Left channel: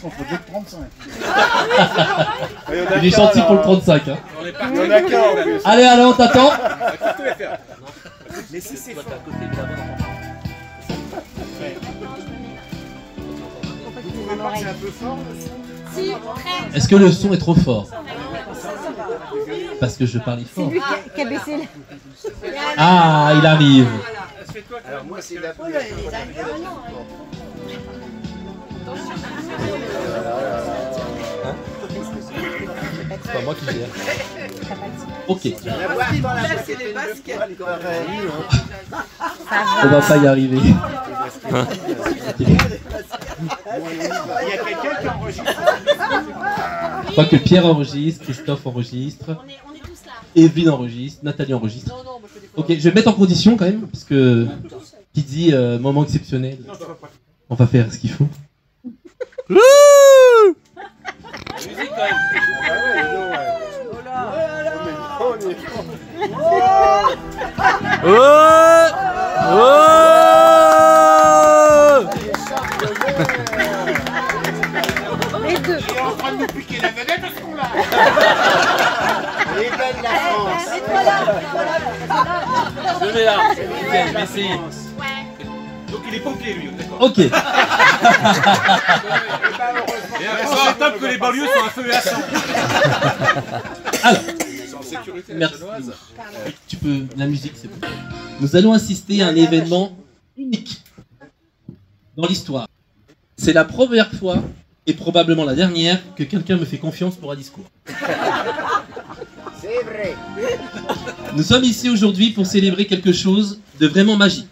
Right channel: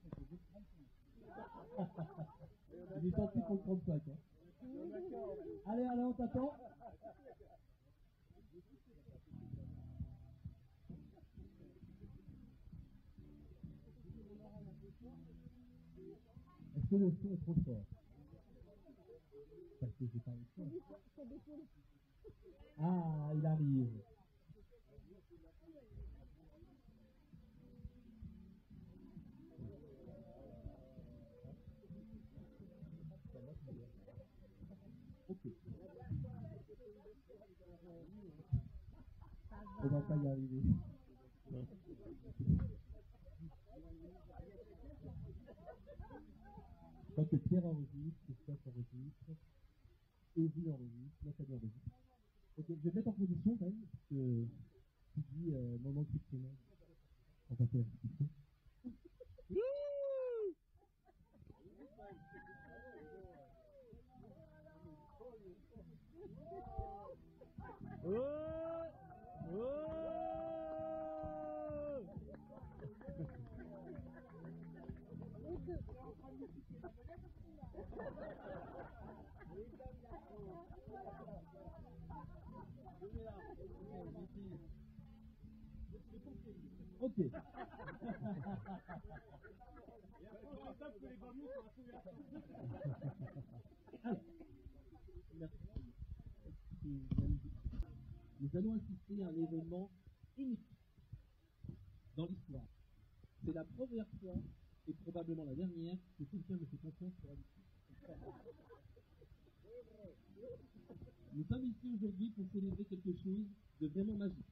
qu'on faut 35. Il est gentil pour le 35. Hein. Il y en a qu'un en plus. Allez, on t'attend. Mais si c'est fort. C'est un peu fort. Est-ce que le son est trop fort? Parce que je parle fort. C'est lui qui a baissé la... Ah, il arrive. Alors moi c'est la C'est pas moi qui gère. Ok. On va pas y arriver. Il y a quelqu'un qui enregistre. Je crois que Pierre enregistre, Christophe enregistre, Evelyne enregistre, Nathalie enregistre. Ok, je vais mettre en condition quand même, parce que qui dit moment exceptionnel, on va faire ce qu'il faut. Les deux. Il est en train de nous piquer la vedette à ce qu'on l'a. Elle est belle la France. Je vais là. Je vais essayer. Donc il est pompier lui, d'accord. Ok. Et après c'est top que les banlieues sont un feu et à sang. Alors, merci. Tu peux, la musique c'est bon. Nous allons assister à un événement unique dans l'histoire. C'est la première fois, et probablement la dernière, que quelqu'un me fait confiance pour un discours. C'est vrai. Nous sommes ici aujourd'hui pour célébrer quelque chose de vraiment magique.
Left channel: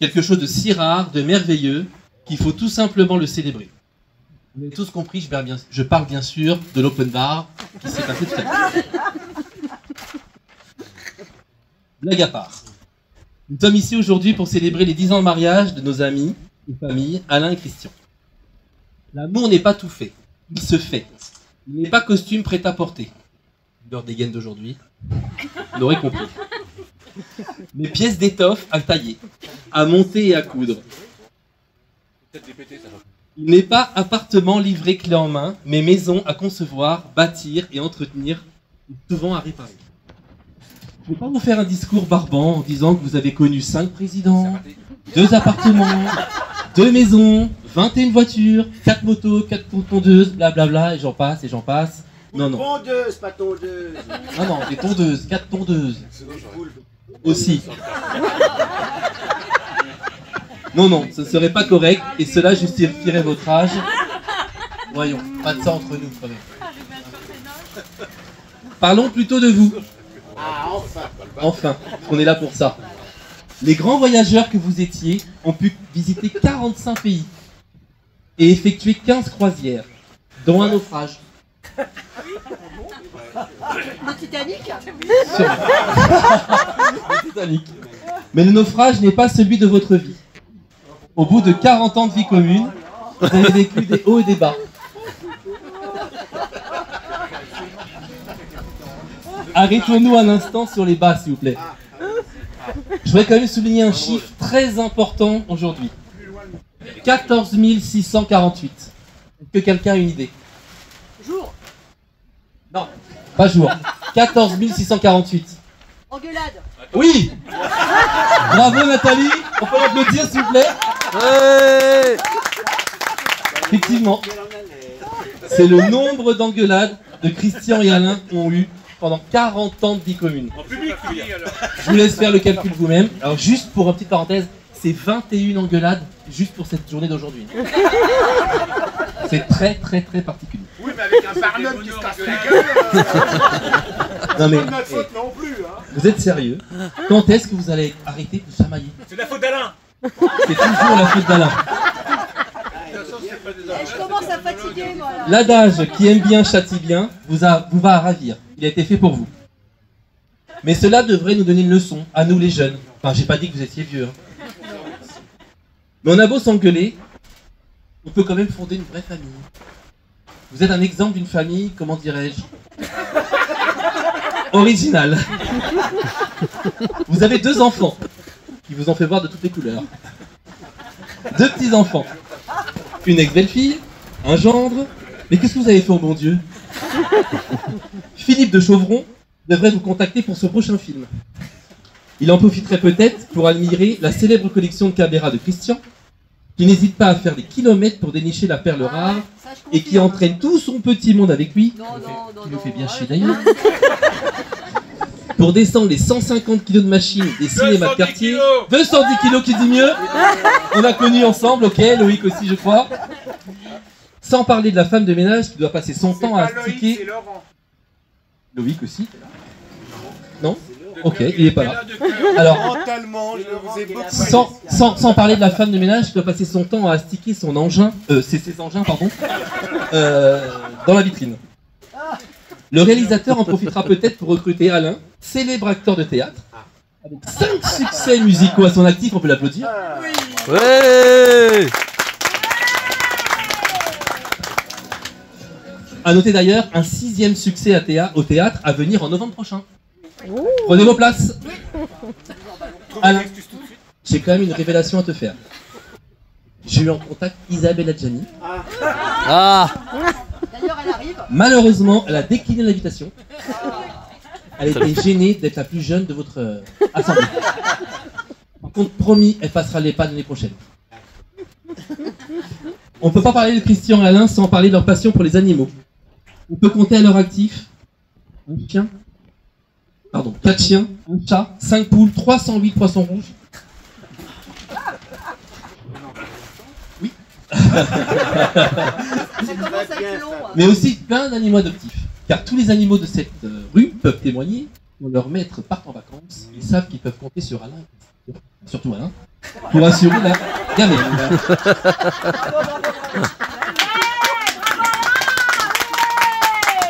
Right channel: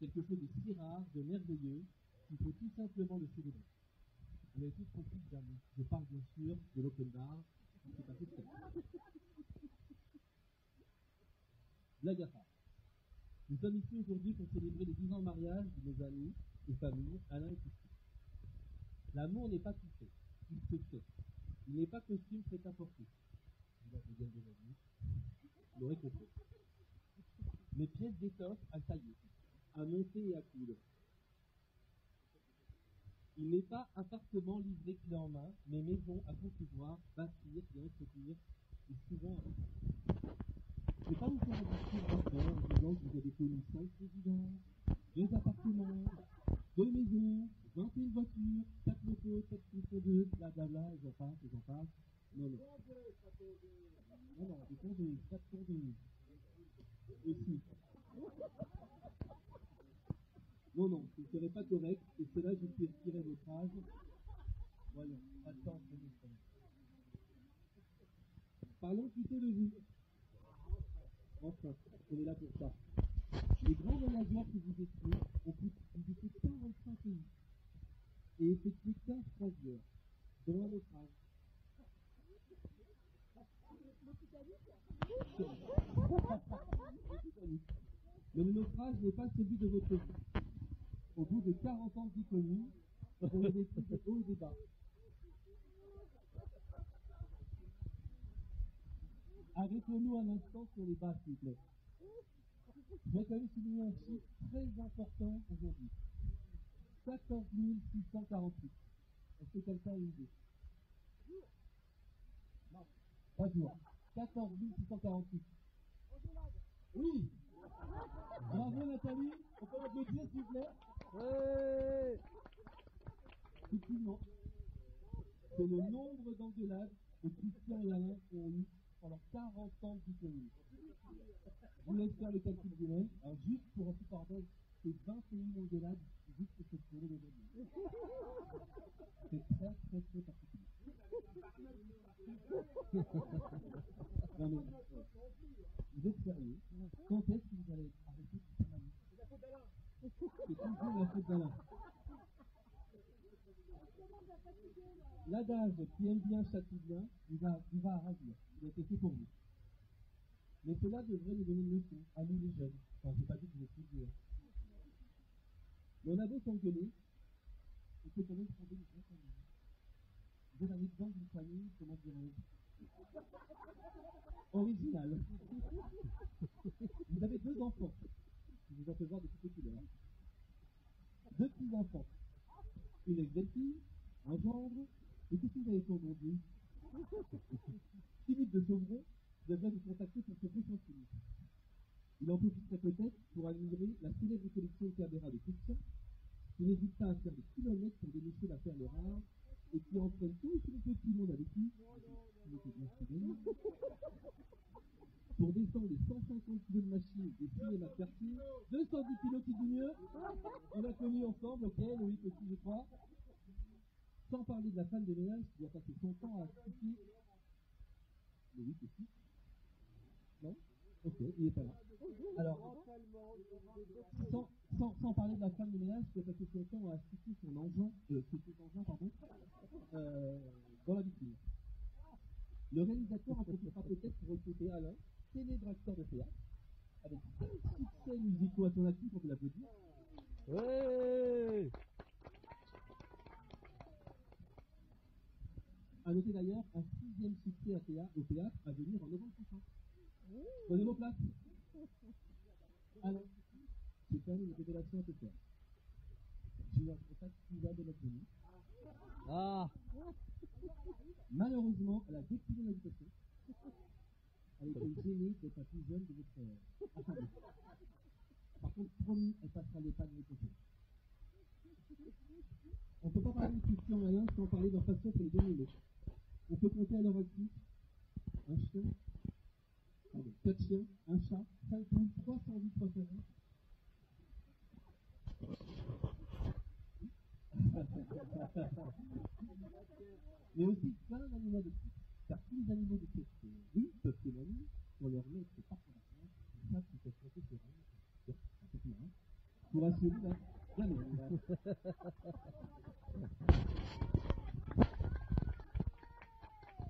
Quelque chose de si rare, de merveilleux, qu'il faut tout simplement le célébrer. Vous avez tous compris, je parle bien sûr de l'open bar qui s'est passé tout à l'heure. Blague à part. Nous sommes ici aujourd'hui pour célébrer les 10 ans de mariage de nos amis et familles, Alain et Christian. L'amour n'est pas tout fait, il se fait. Il n'est pas costume prêt à porter. L'heure des gaines d'aujourd'hui, vous l'aurez compris. Mais pièces d'étoffe à tailler, à monter et à coudre. Il n'est pas appartement livré clé en main, mais maison à concevoir, bâtir et entretenir, souvent à réparer. Je ne vais pas vous faire un discours barbant en disant que vous avez connu 5 présidents, 2 appartements, 2 maisons, 21 voitures, 4 motos, 4 tondeuses, blablabla, et j'en passe, et j'en passe. Non, non. Pondeuse, pas tondeuse. Non, non, des tondeuses, 4 tondeuses. Aussi. Non, non, ce ne serait pas correct, et cela justifierait votre âge. Voyons, pas de ça entre nous, quand même. Parlons plutôt de vous. Ah, enfin. Enfin, on est là pour ça. Les grands voyageurs que vous étiez ont pu visiter 45 pays et effectuer 15 croisières, dont un naufrage. Le Titanic. Sûrement. Le Titanic. Mais le naufrage n'est pas celui de votre vie. Au bout de 40 ans de vie commune, vous avez vécu des hauts et des bas. Arrêtons-nous un instant sur les bas, s'il vous plaît. Je voudrais quand même souligner un chiffre très important aujourd'hui. 14 648. Est-ce que quelqu'un a une idée? Jour. Non, pas jour. 14 648. Engueulade. Oui. Bravo Nathalie. On peut l'applaudir s'il vous plaît. Ouais. Effectivement. C'est le nombre d'engueulades que Christian et Alain ont eu pendant 40 ans de vie commune. En public, tu veux dire. Je vous laisse faire le calcul vous-même. Alors juste pour une petite parenthèse, c'est 21 engueulades juste pour cette journée d'aujourd'hui. C'est très très très particulier. Oui, mais avec un Barnum qui se casse la gueule. Non mais, C'est pas de notre faute non plus. Hein. vous êtes sérieux? Quand est-ce que vous allez arrêter de chamailler? C'est de la faute d'Alain. C'est toujours la faute d'Alain. Je commence à fatiguer, moi. Là. L'adage qui aime bien châtie bien vous va ravir. Il a été fait pour vous. Mais cela devrait nous donner une leçon, à nous les jeunes. Enfin, j'ai pas dit que vous étiez vieux. Hein. Mais on a beau s'engueuler, on peut quand même fonder une vraie famille. Vous êtes un exemple d'une famille, comment dirais-je, originale. Vous avez 2 enfants, qui vous ont fait voir de toutes les couleurs. 2 petits-enfants. Une ex-belle-fille Un gendre? Mais qu'est-ce que vous avez fait au bon Dieu? Philippe de Chauvron devrait vous contacter pour son prochain film. Il en profiterait peut-être pour admirer la célèbre collection de caméras de Christian, qui n'hésite pas à faire des kilomètres pour dénicher la perle rare Ça, je et qui confirme. entraîne tout son petit monde avec lui. Non, non, Il nous fait bien chier arrête. d'ailleurs. Pour descendre les 150 kilos de machines des cinémas de 210 quartier. kilos. 210 kilos qui dit mieux. On a connu ensemble, ok, Loïc aussi je crois. Sans parler de la femme de ménage qui doit passer son C'est temps à pas Loïc, astiquer. c'est Laurent. Loïc aussi. Non? Ok, il est pas là. De cœur. Alors, Mentalement, je vous ai beaucoup sans parler de la femme de ménage qui doit passer son temps à astiquer son engin, ses engins, pardon, dans la vitrine. Le réalisateur en profitera peut-être pour recruter Alain, célèbre acteur de théâtre, avec 5 succès musicaux à son actif, on peut l'applaudir. Ouais. À noter d'ailleurs un 6e succès au théâtre à venir en novembre prochain. Prenez vos places. Alain, j'ai quand même une révélation à te faire. J'ai eu en contact Isabelle Adjani. Ah. D'ailleurs, elle arrive. Malheureusement, elle a décliné l'invitation. Elle était gênée d'être la plus jeune de votre assemblée. Par contre, promis, elle passera les pas l'année prochaine. On ne peut pas parler de Christian et Alain sans parler de leur passion pour les animaux. On peut compter à leur actif un chien, pardon, 4 chiens, un chat, 5 poules, 308 poissons rouges. Oui. Ça commence à être long. hein. Mais aussi plein d'animaux adoptifs. Car tous les animaux de cette rue peuvent témoigner. Quand leurs maîtres partent en vacances, ils savent qu'ils peuvent compter sur Alain, surtout Alain, pour assurer la gamelle.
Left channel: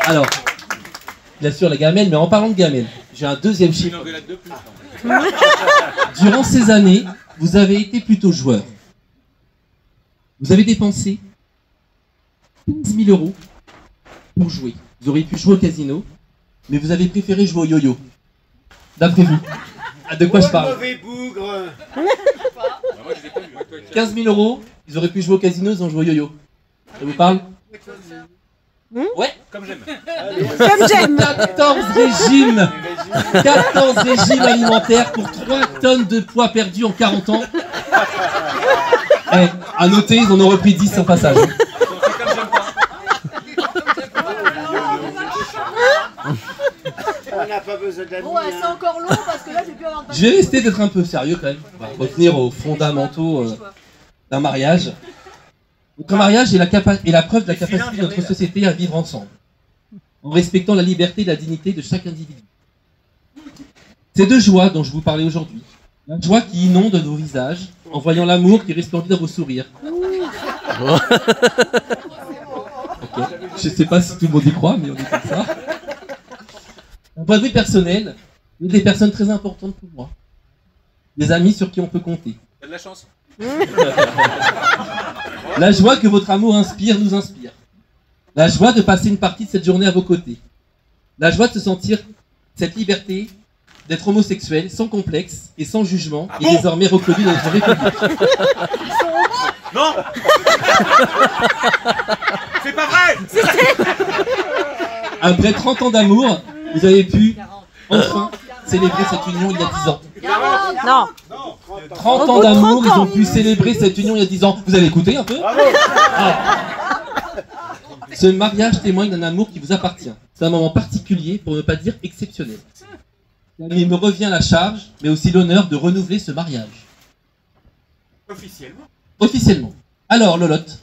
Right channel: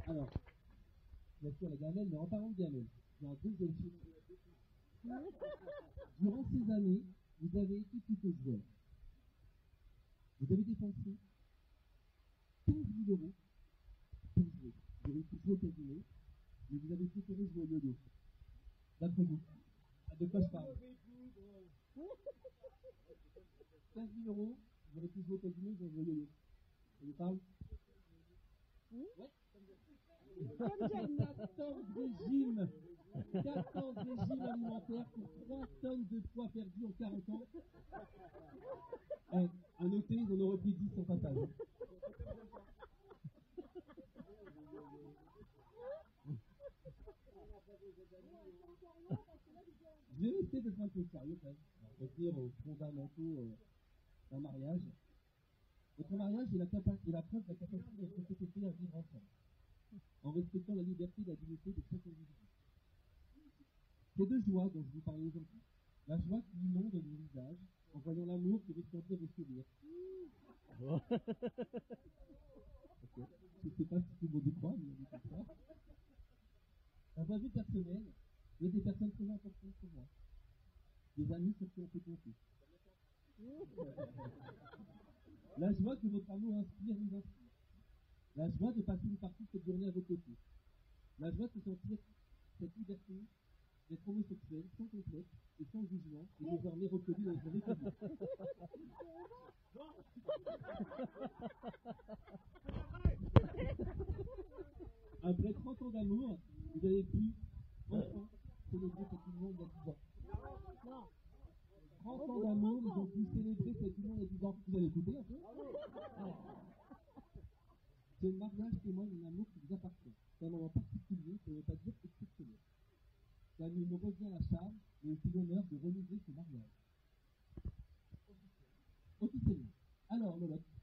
Alors, il assure la gamelle, mais en parlant de gamelle, j'ai un deuxième Une chiffre. engueulade de plus. Durant ces années, vous avez été plutôt joueur. Vous avez dépensé 15 000 € pour jouer. Vous auriez pu jouer au casino, mais vous avez préféré jouer au yo-yo. D'après vous. Ah, de quoi je parle? mauvais bougre. Ah, moi, je les ai pas vus. 15 000 €, ils auraient pu jouer au casino, ils ont joué au yo-yo. Ça vous parle? Ouais. Comme j'aime. Comme j'aime. 14 régimes 14 régimes alimentaires pour 3 tonnes de poids perdus en 40 ans. Eh, à noter, ils en ont repris 10 au passage. On n'a pas besoin d'amis. Bon, c'est encore long parce que là, j'ai pu avoir de Je vais rester d'être un peu sérieux quand même. On va revenir aux fondamentaux d'un mariage. Notre mariage est la preuve de la capacité de notre société à vivre ensemble, en respectant la liberté et la dignité de chaque individu. Ces deux joies dont je vous parlais aujourd'hui, la joie qui inonde nos visages, en voyant l'amour qui resplendit dans vos sourires. Ok. Je sais pas si tout le monde y croit, mais on est comme ça. D'un point de vue personnel, vous êtes des personnes très importantes pour moi. Des amis sur qui on peut compter. T'as de la chance. La joie que votre amour inspire nous inspire. La joie de passer une partie de cette journée à vos côtés. La joie de se sentir cette liberté d'être homosexuel sans complexe et sans jugement est désormais reconnue dans notre République. Non. C'est pas vrai. Après 30 ans d'amour, vous avez pu enfin célébrer cette union il y a 10 ans. Non. 30 Au ans bout de d'amour, 30 ils ont ans. pu célébrer cette union il y a 10 ans. Vous avez écouté un peu? Ah. Ce mariage témoigne d'un amour qui vous appartient. C'est un moment particulier, pour ne pas dire exceptionnel. Il me revient la charge, mais aussi l'honneur de renouveler ce mariage. Officiellement. Officiellement. Alors, Lolotte,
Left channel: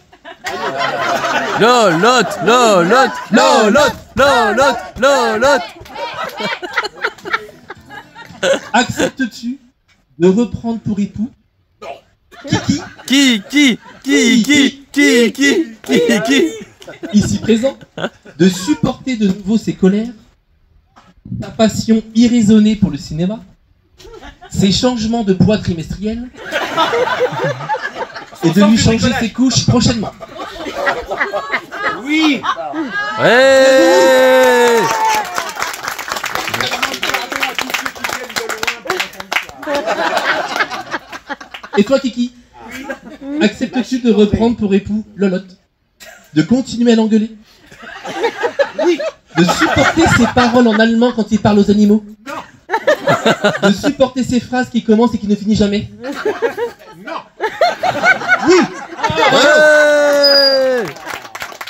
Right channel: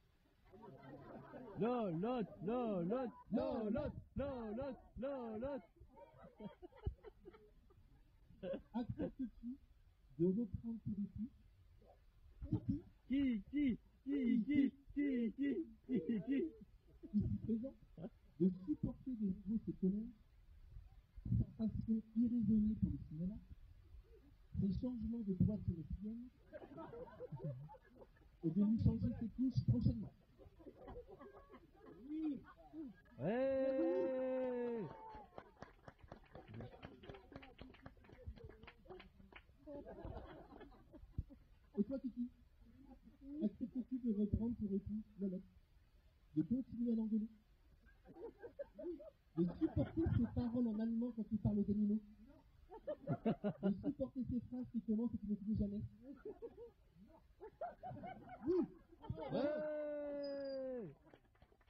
Lolotte, Lolotte, Lolotte, Lolotte, Lolotte. acceptes-tu de reprendre pour époux Qui, ici présent, de supporter de nouveau ses colères, sa passion irraisonnée pour le cinéma, ses changements de poids trimestriels, et de lui changer ses couches prochainement. Oui. Ouais. Et toi, Kiki, acceptes-tu de reprendre pour époux Lolotte? De continuer à l'engueuler. Oui. De supporter ses paroles en allemand quand il parle aux animaux. Non. De supporter ses phrases qui commencent et qui ne finissent jamais. Non. Oui. Ouais.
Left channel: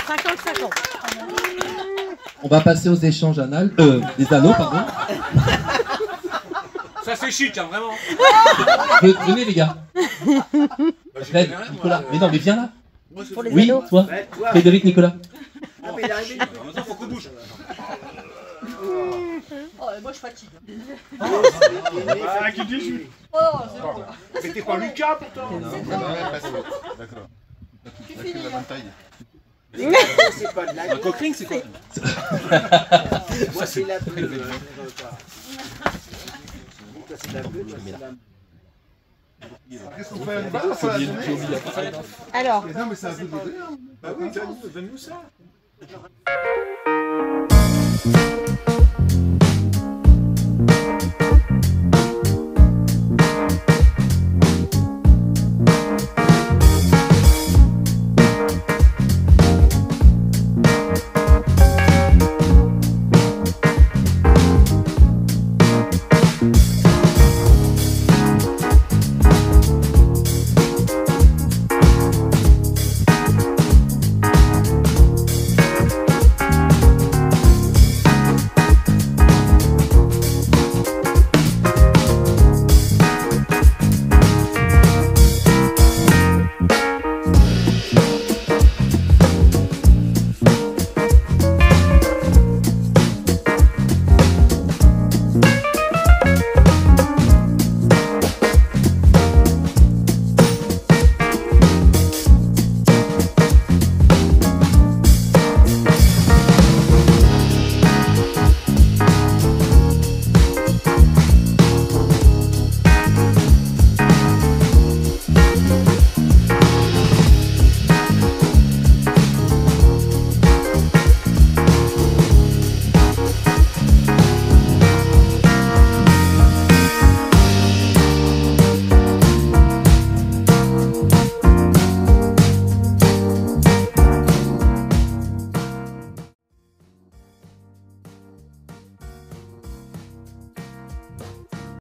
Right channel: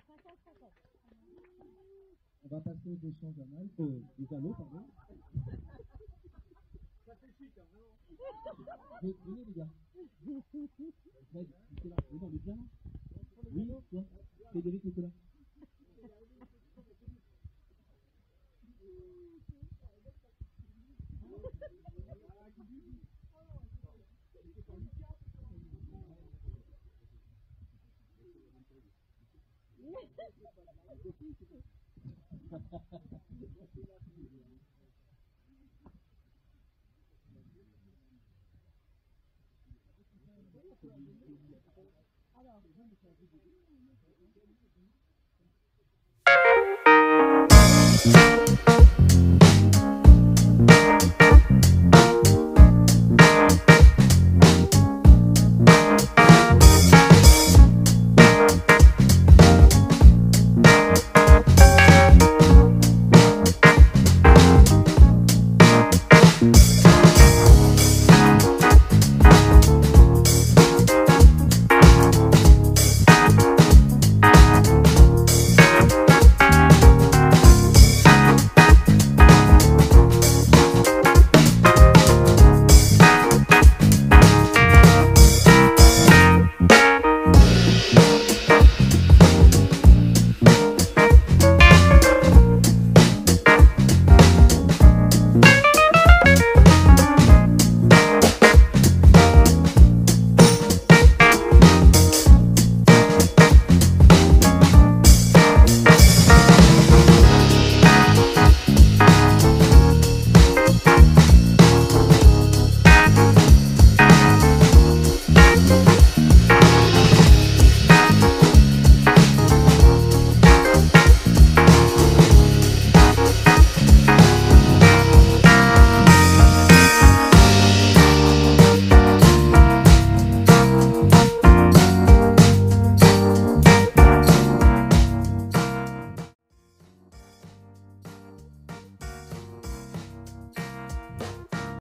50-50. On va passer aux échanges anal, des anneaux, pardon. Ça c'est chic, hein, vraiment. Venez les gars. Fred, Nicolas. Mais non, mais viens là. Pour les Oui, ados. toi. Frédéric, Nicolas. En même temps, faut qu'on bouge. Oh, moi je fatigue. Ah, qui dit je... Oh, c'est bon. Mais t'es pas Lucas pourtant. D'accord. C'est fini. La bonne taille. Un coquering, c'est quoi? Voici la pub. Qu'est-ce qu'on fait à l'hiver? Alors, Non, mais c'est un peu de rire. Bah oui, donne-nous ça.